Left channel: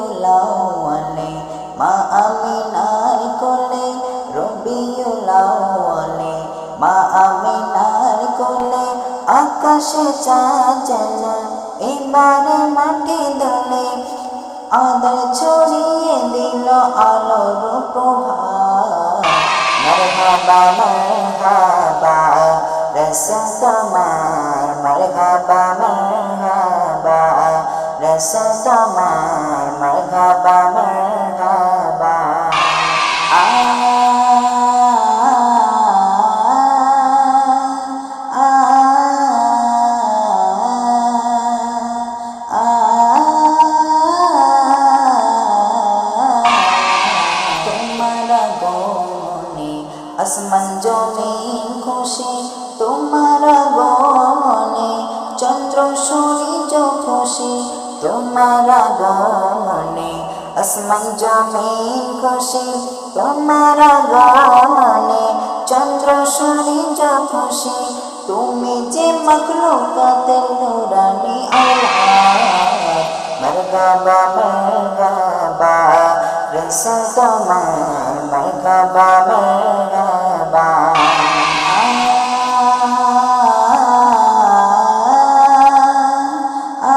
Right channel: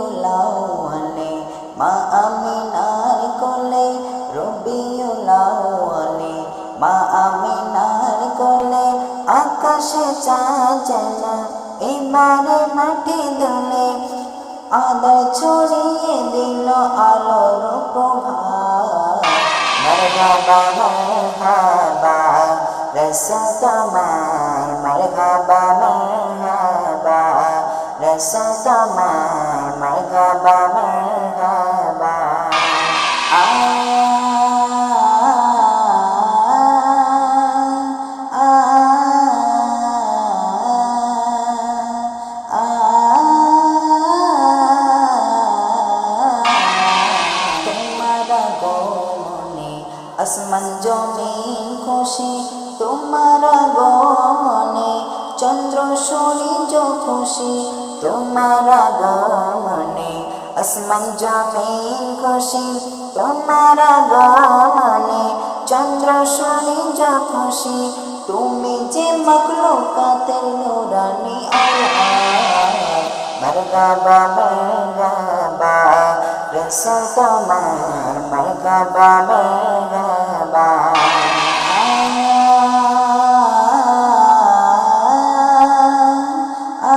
রবিউলাওয়ালে মা আমিনার আমিনার কোলে আকাশে চাঁদ এবারে মাটি দোলে। আদর ছড়িয়ে দিল আলোর প্রভাত। মরহাবা মরহাবা রসা তোমার মরহাবা মরহাবা রসা তোমার মরহাবা মরহাবা। আ তোমার গমনে আসমান জমিন খুশি তোমার গমনে চন্দ্র সূর্য খুশি তোমার গমনে আসমান জমিন খুশি তোমার গমনে চন্দ্র সূর্য খুশি তুমি যে মখলুকাতের নুরানি আওলাদ মরগাবা মরগাবা রসা তোমার আ আ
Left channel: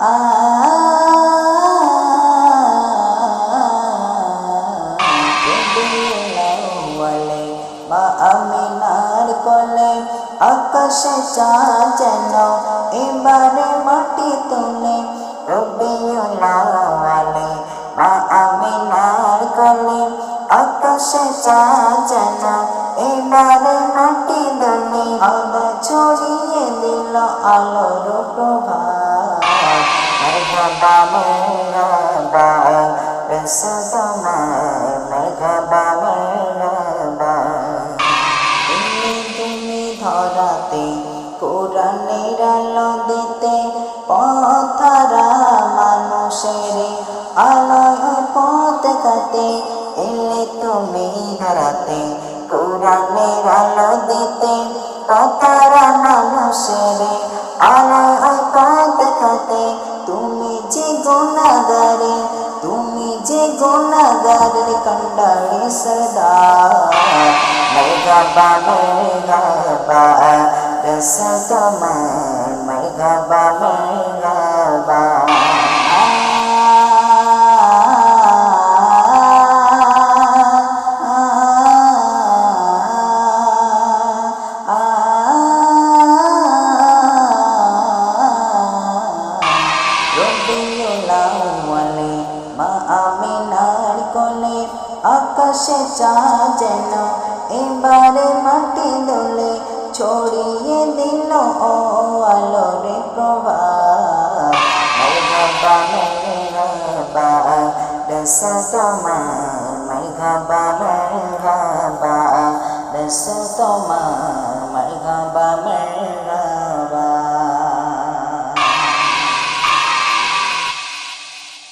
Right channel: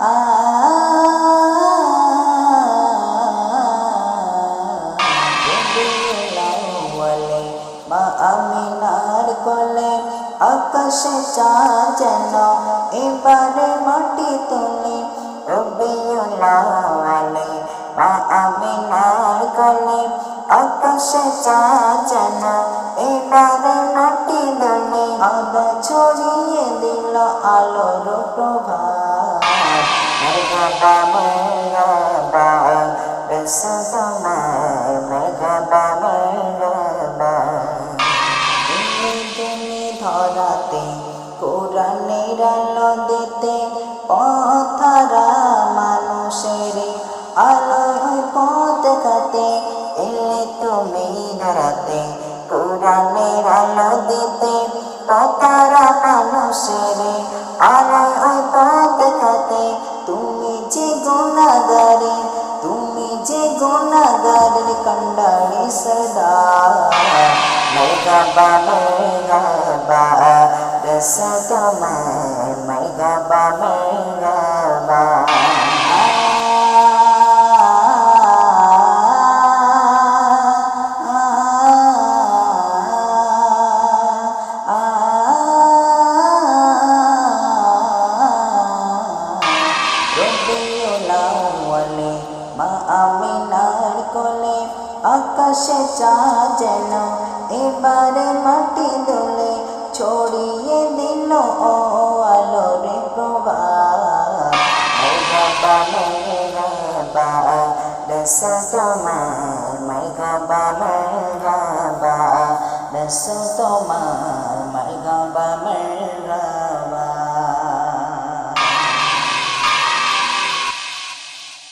আ রবিউলাওয়ালে মা আমিনার কোলে আকাশে চাঁদ যেন এবারে মাটি তোলে রবিউলাওয়ালে মা আমিনার কোলে আকাশে চাঁদ যেন এবারে মাটি দোলে আদা ছড়িয়ে দিল আলোর প্রভাত। মরহাবা মরহাবা রসা তোমার মরহাবা মরহাবা ধরাতে, কোরআনের আলো দিতে, পথরা মানুষের আলোয় পথ দেখাতে এলে তুমি ধরাতে, কোরআনের আলো দিতে, পথরা মানুষের আলোয় পথ দেখাতে তুমি যে গুণাগারে গুণাগারের কন্ডারি সরদার মরগাবা মরগাবা রস তোমার মরগাবা মরগাবা রবিউলাওয়ালে মা আমিনার কোলে আকাশে চাঁদ যেন এবারে মাটি দোলে ছড়িয়ে দিল ও আলোরে প্রভাত। মরহাবা মরহাবা রসা তোমার মরহাবা মরহাবা রসা তোমার